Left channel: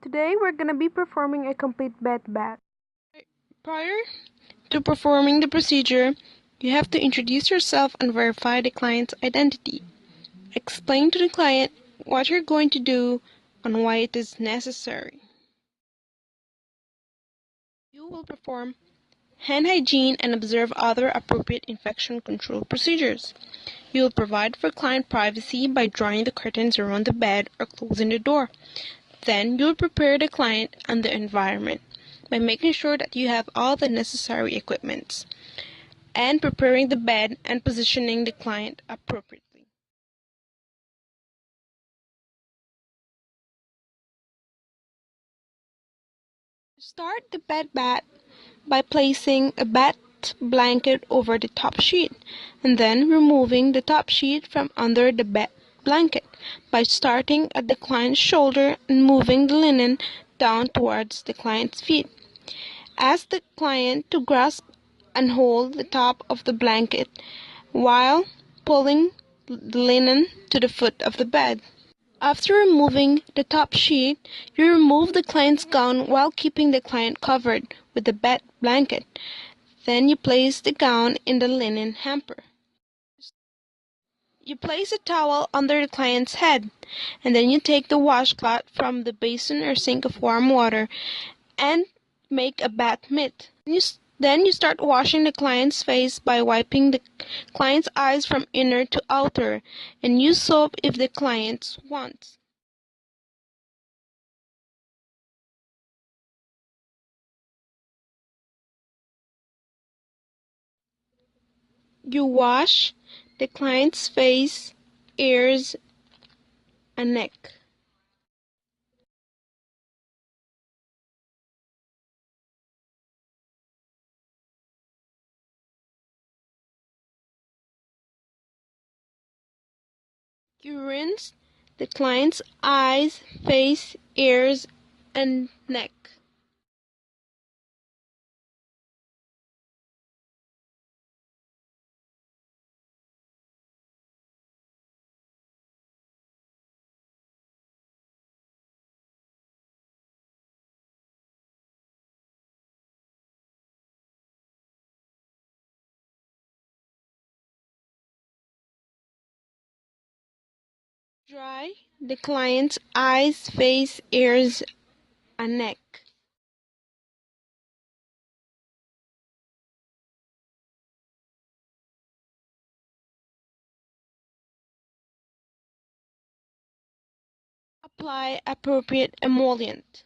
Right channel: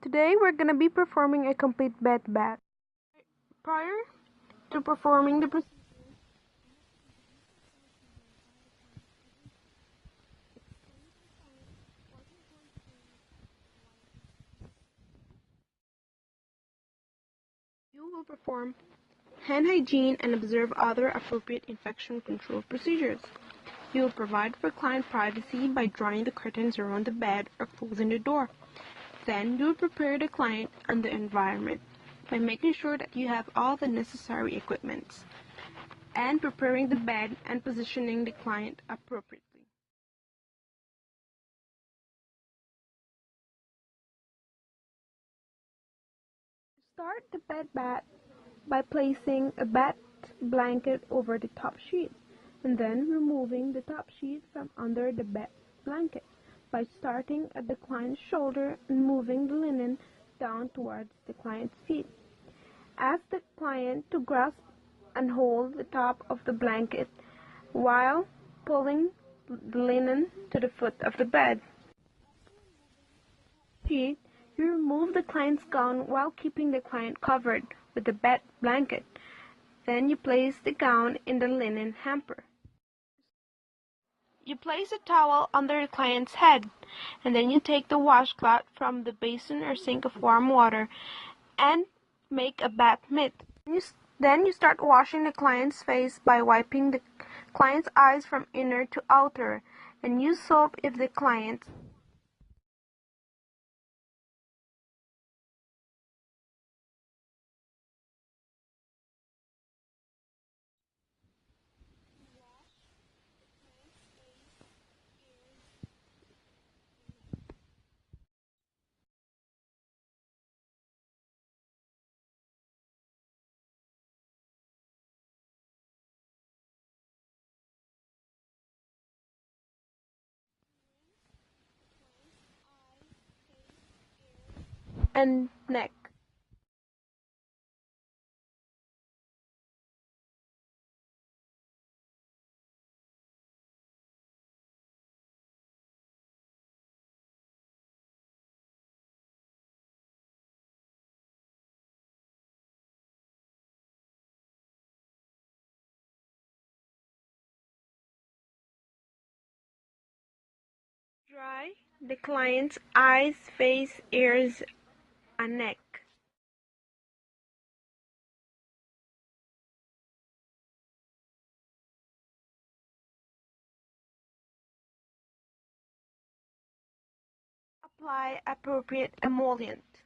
Today we're going to be performing a complete bed bath. Prior to performing the procedure, you have to introduce yourself and verify the client's identity. Explain to the client what you're going to do and why it is necessary. You will perform hand hygiene and observe other appropriate infection control procedures. You will provide for client privacy by drawing the curtains around the bed or closing the door. Then you will prepare the client and the environment by making sure that you have all the necessary equipment and preparing the bed and positioning the client appropriately. Start the bed bath by placing a bed blanket over the top sheet and then removing the top sheet from under the bed blanket by starting at the client's shoulder and moving the linen down towards the client's feet. Ask the client to grasp and hold the top of the blanket while pulling the linen to the foot of the bed. After removing the top sheet, you remove the client's gown while keeping the client covered with the bed blanket. Then you place the gown in the linen hamper. You place a towel under the client's head, and then you take the washcloth from the basin or sink of warm water and make a bath mitt. Then you start washing the client's face by wiping the client's eyes from inner to outer, and use soap if the client wants. You wash the client's face, ears, and neck. You rinse the client's eyes, face, ears, and neck. Dry the client's eyes, face, ears, and neck. Apply appropriate emollient.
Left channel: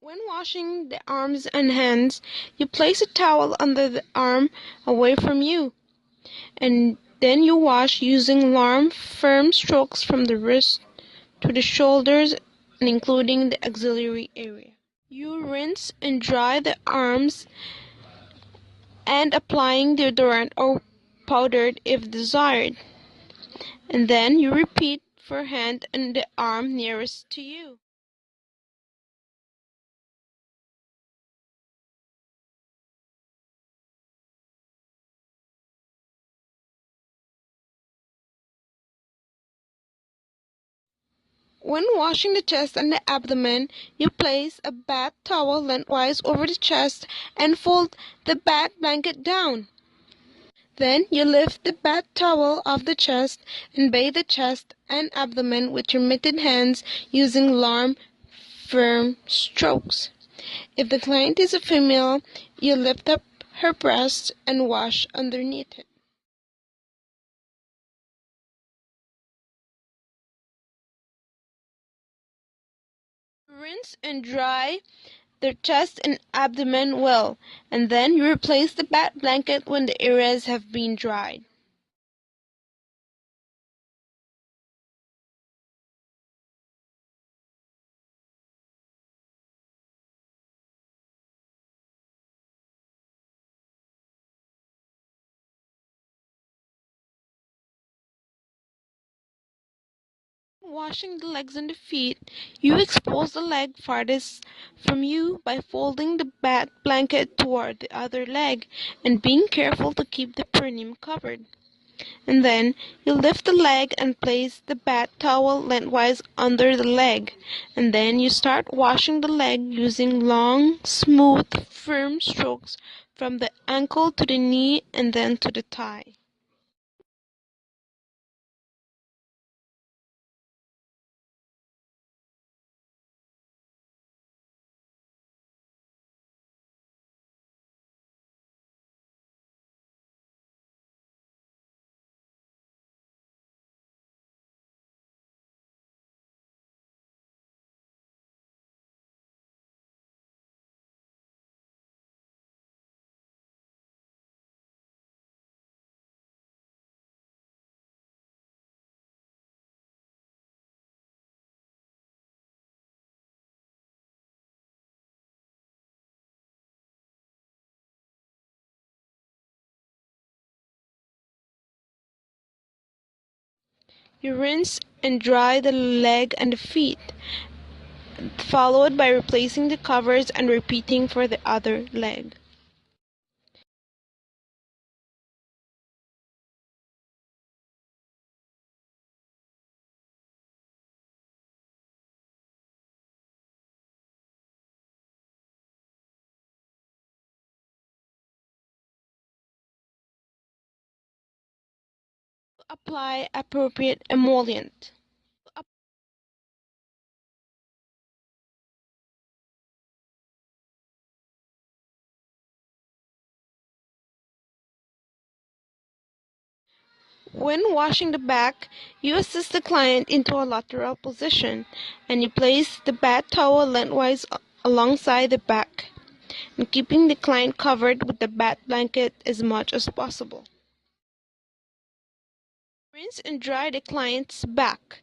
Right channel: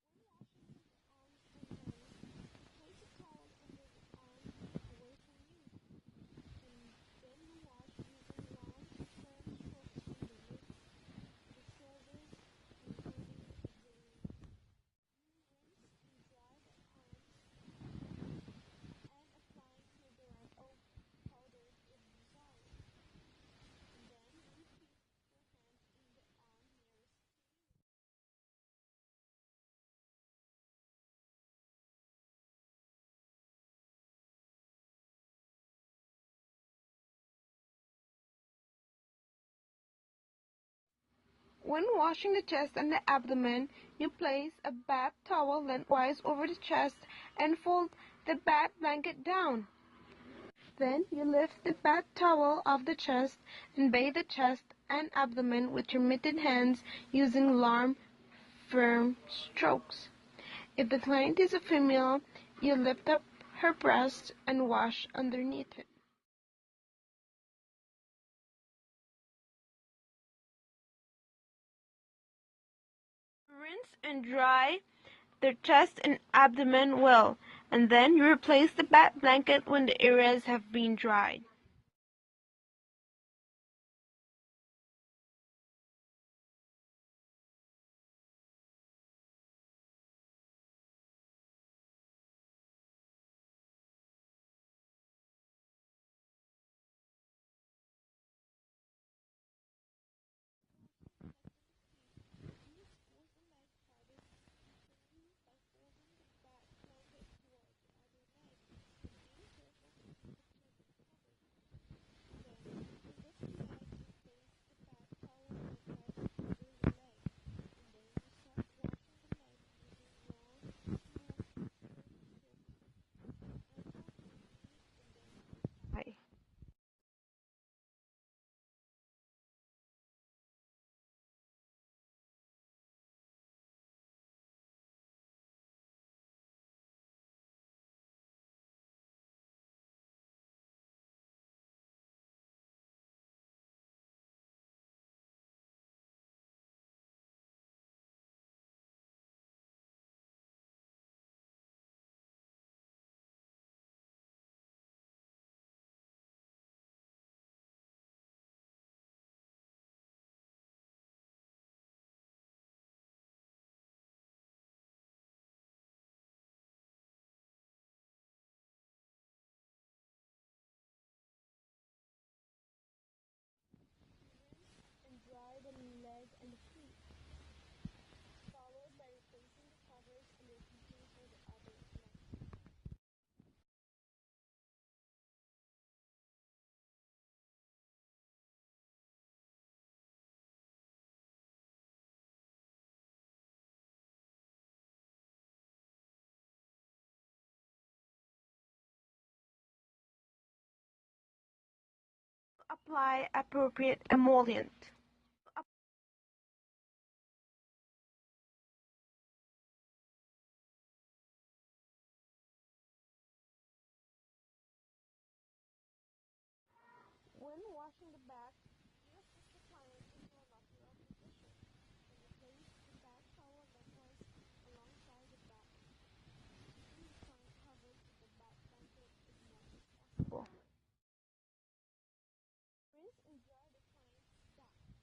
When washing the arms and hands, you place a towel under the arm away from you, and then you wash using warm, firm strokes from the wrist to the shoulders and including the axillary area. You rinse and dry the arms and applying deodorant or powdered if desired, and then you repeat for hand and the arm nearest to you. When washing the chest and the abdomen, you place a bath towel lengthwise over the chest and fold the bath blanket down. Then you lift the bath towel off the chest and bathe the chest and abdomen with your mitted hands using warm, firm strokes. If the client is a female, you lift up her breast and wash underneath it. Rinse and dry the chest and abdomen well, and then you replace the bath blanket when the areas have been dried. Washing the legs and the feet, you expose the leg farthest from you by folding the bath blanket toward the other leg and being careful to keep the perineum covered. And then you lift the leg and place the bath towel lengthwise under the leg. And then you start washing the leg using long, smooth, firm strokes from the ankle to the knee and then to the thigh. You rinse and dry the leg and the feet, followed by replacing the covers and repeating for the other leg. Apply appropriate emollient. When washing the back, you assist the client into a lateral position, and you place the bath towel lengthwise alongside the back, and keeping the client covered with the bath blanket as much as possible. Rinse and dry the client's back.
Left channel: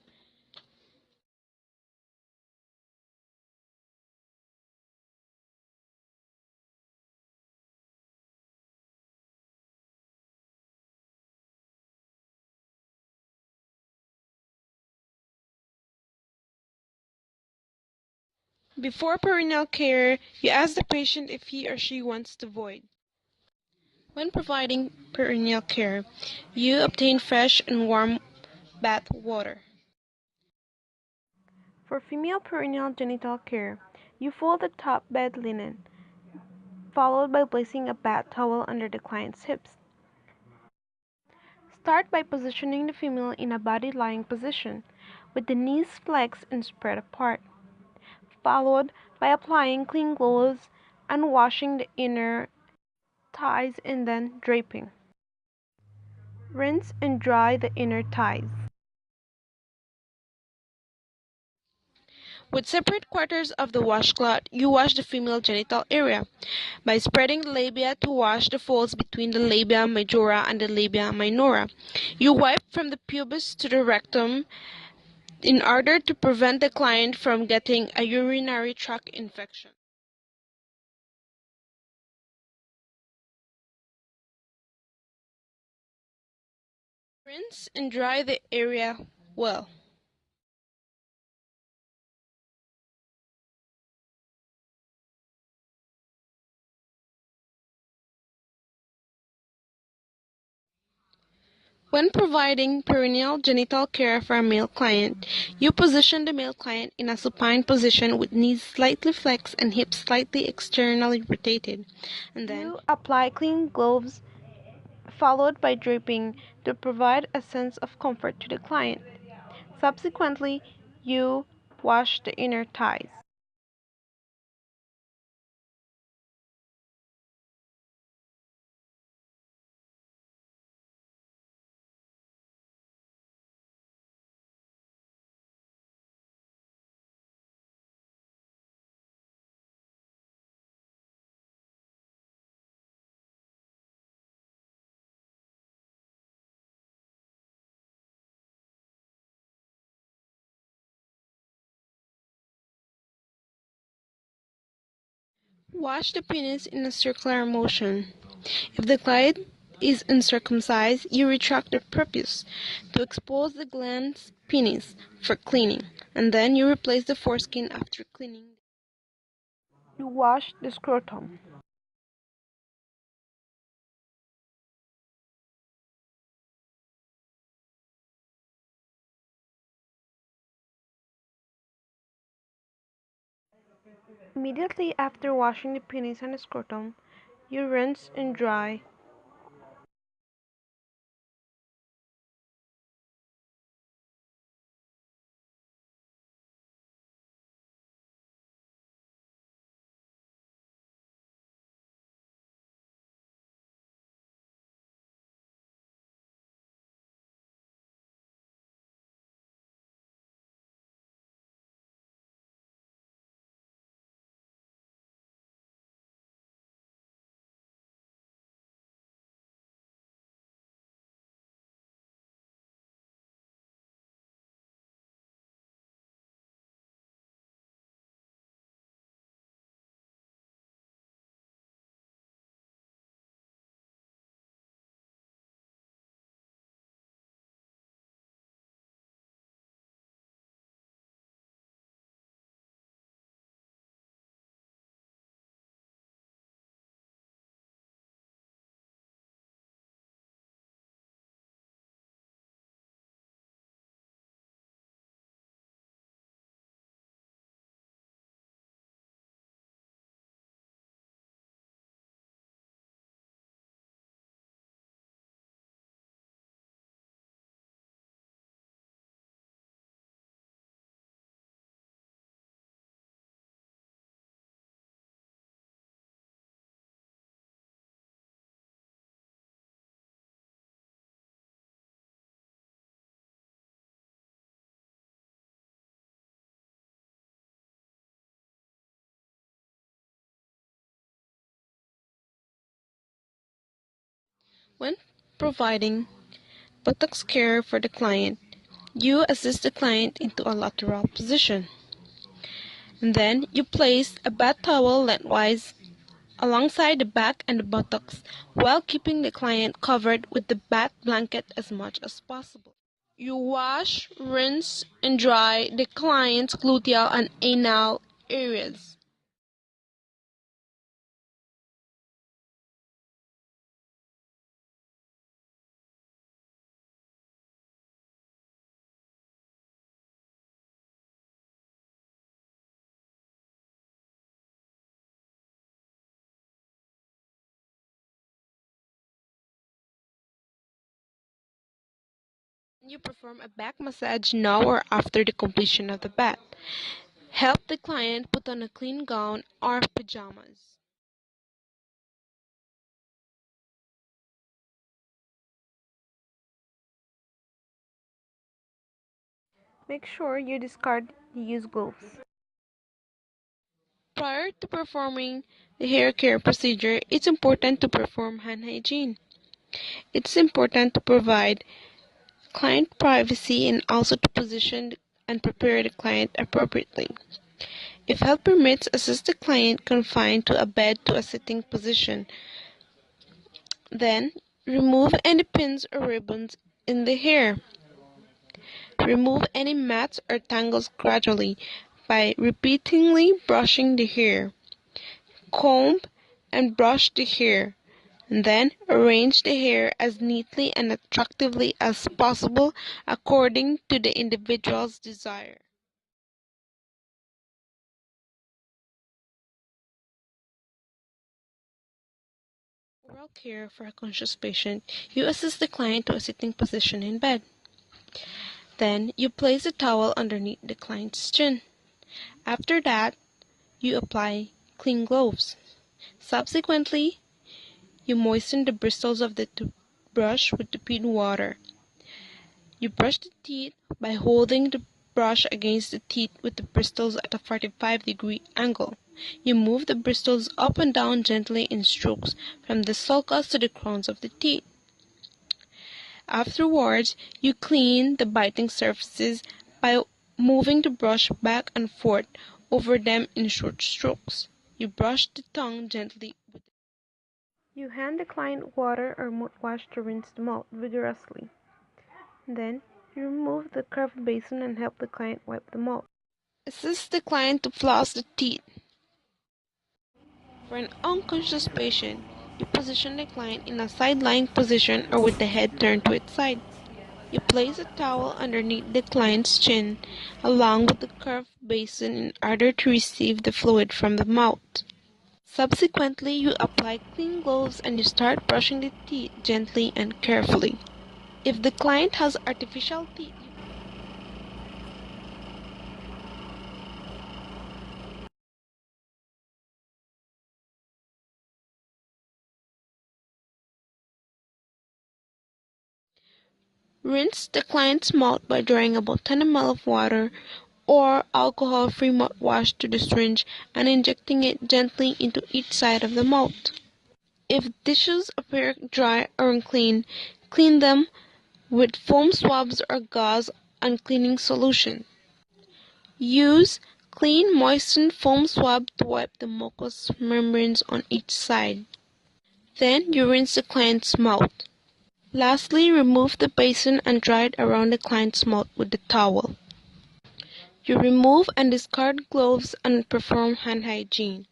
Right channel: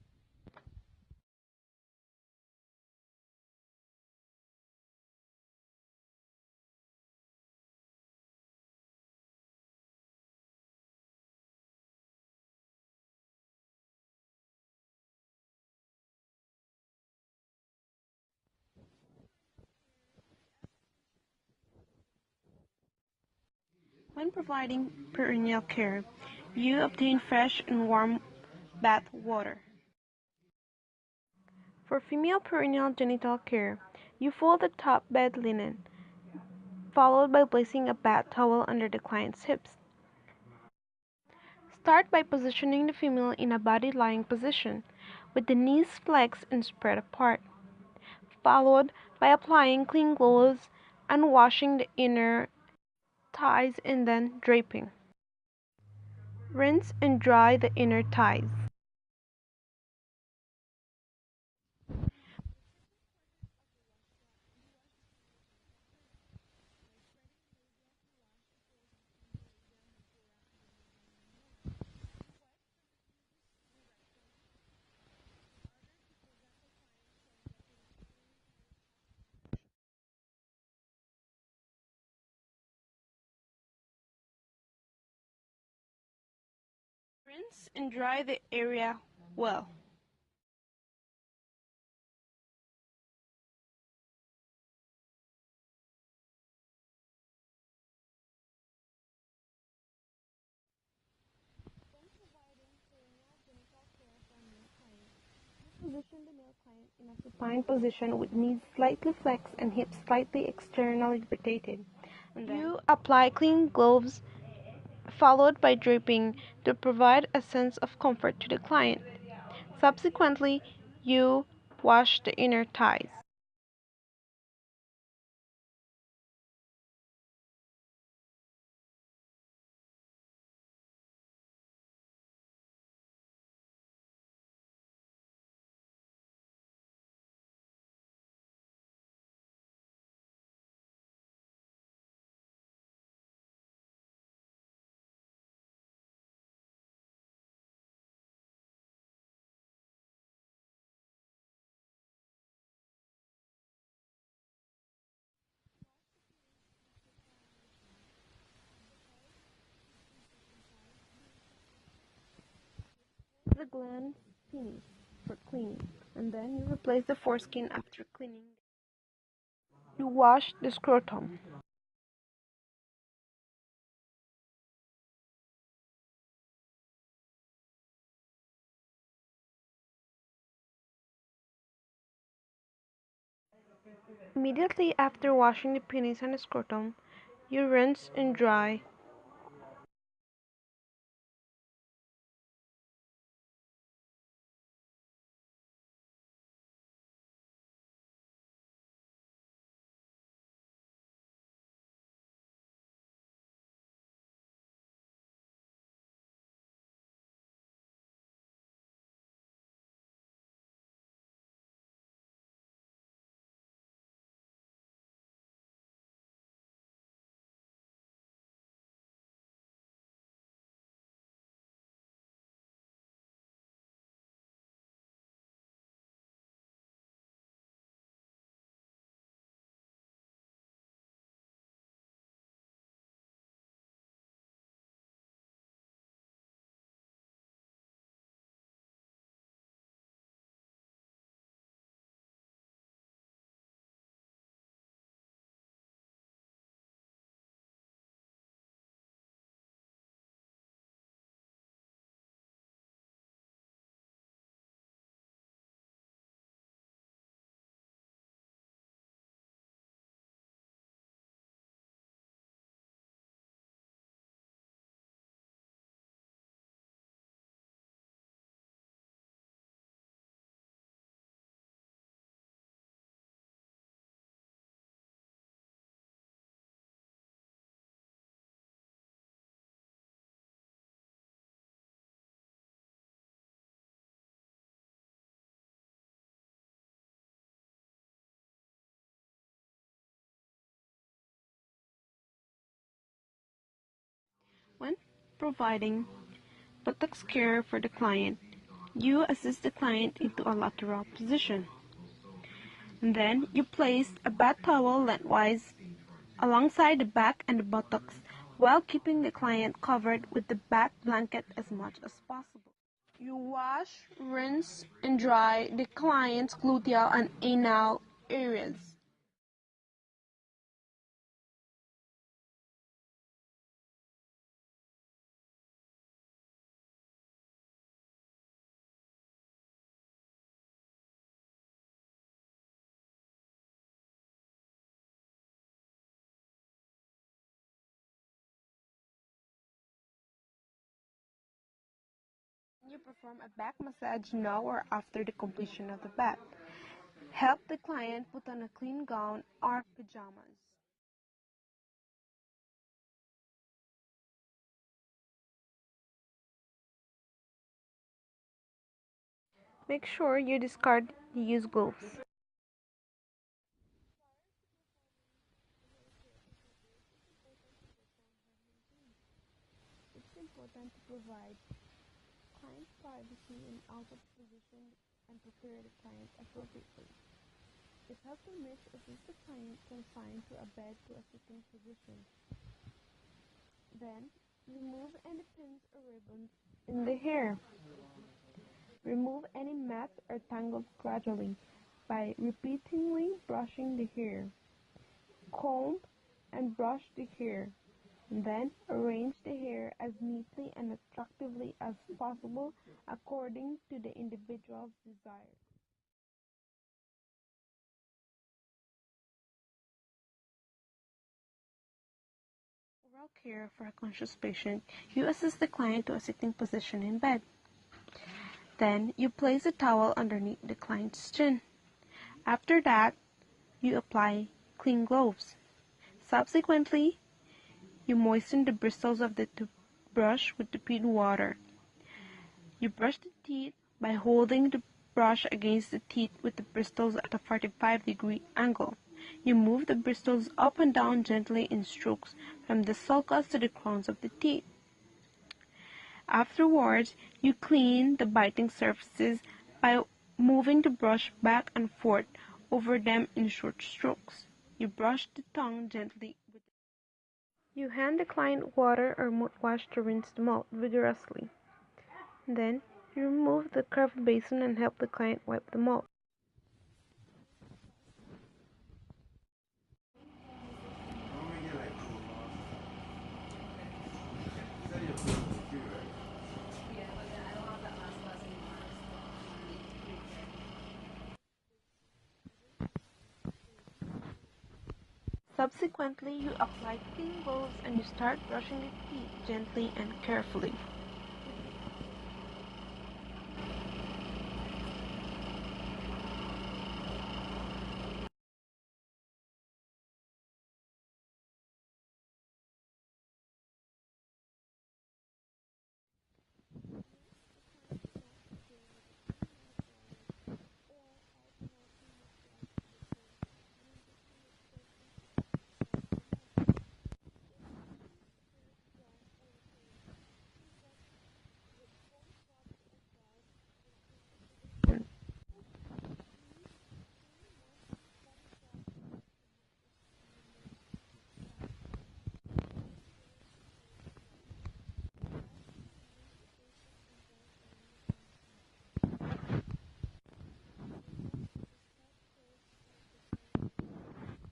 Before perineal care, you ask the patient if he or she wants to void. When providing perineal care, you obtain fresh and warm bath water. For female perineal genital care, you fold the top bed linen, followed by placing a bath towel under the client's hips. Start by positioning the female in a body lying position, with the knees flexed and spread apart, followed by applying clean gloves and washing the inner thighs and then draping. Rinse and dry the inner thighs. With separate quarters of the washcloth, you wash the female genital area by spreading the labia to wash the folds between the labia majora and the labia minora. You wipe from the pubis to the rectum in order to prevent the client from getting a urinary tract infection. Rinse and dry the area well. When providing perineal genital care for a male client, you position the male client in a supine position with knees slightly flexed and hips slightly externally rotated. And then You apply clean gloves, followed by draping to provide a sense of comfort to the client. Subsequently, you wash the inner thighs. wash the penis in a circular motion. If the client is uncircumcised, you retract the prepuce to expose the glans penis for cleaning, and then you replace the foreskin after cleaning. You wash the scrotum. Immediately after washing the penis and scrotum, you rinse and dry. When providing buttocks care for the client, you assist the client into a lateral position. And then you place a bath towel lengthwise alongside the back and the buttocks while keeping the client covered with the bath blanket as much as possible. You wash, rinse, and dry the client's gluteal and anal areas. You perform a back massage now or after the completion of the bath. Help the client put on a clean gown or pajamas. Make sure you discard the used gloves. Prior to performing the hair care procedure, it's important to perform hand hygiene. It's important to provide client privacy and also to position and prepare the client appropriately. If health permits, assist the client confined to a bed to a sitting position. Then, remove any pins or ribbons in the hair. Remove any mats or tangles gradually by repeatedly brushing the hair. Comb and brush the hair, and then arrange the hair as neatly and attractively as possible according to the individual's desire. Oral care for a conscious patient. You assist the client to a sitting position in bed. Then you place a towel underneath the client's chin. After that, you apply clean gloves. Subsequently, you moisten the bristles of the toothbrush with tepid water. You brush the teeth by holding the brush against the teeth with the bristles at a 45-degree angle. You move the bristles up and down gently in strokes from the sulcus to the crowns of the teeth. Afterwards, you clean the biting surfaces by moving the brush back and forth over them in short strokes. You brush the tongue gently with You hand the client water or mouthwash to rinse the mouth vigorously. Then, you remove the curved basin and help the client wipe the mouth. assist the client to floss the teeth. For an unconscious patient, you position the client in a side-lying position or with the head turned to its side. You place a towel underneath the client's chin, along with the curved basin in order to receive the fluid from the mouth. Subsequently, you apply clean gloves and you start brushing the teeth gently and carefully. If the client has artificial teeth, rinse the client's mouth by drawing about 10 ml of water or alcohol-free mouthwash to the syringe and injecting it gently into each side of the mouth. If dishes appear dry or unclean, clean them with foam swabs or gauze and cleaning solution. Use clean, moistened foam swab to wipe the mucous membranes on each side. Then you rinse the client's mouth. Lastly, remove the basin and dry it around the client's mouth with the towel. You remove and discard gloves and perform hand hygiene.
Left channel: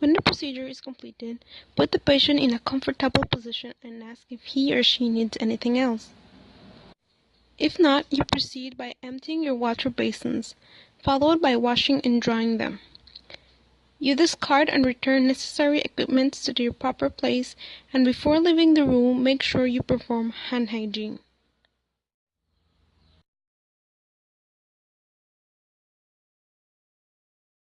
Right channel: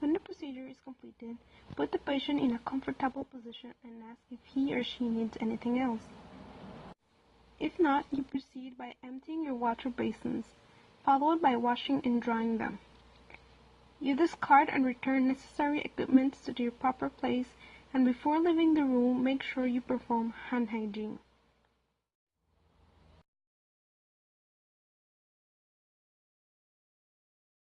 When the procedure is completed, put the patient in a comfortable position and ask if he or she needs anything else. If not, you proceed by emptying your water basins, followed by washing and drying them. You discard and return necessary equipment to their proper place, and before leaving the room, make sure you perform hand hygiene.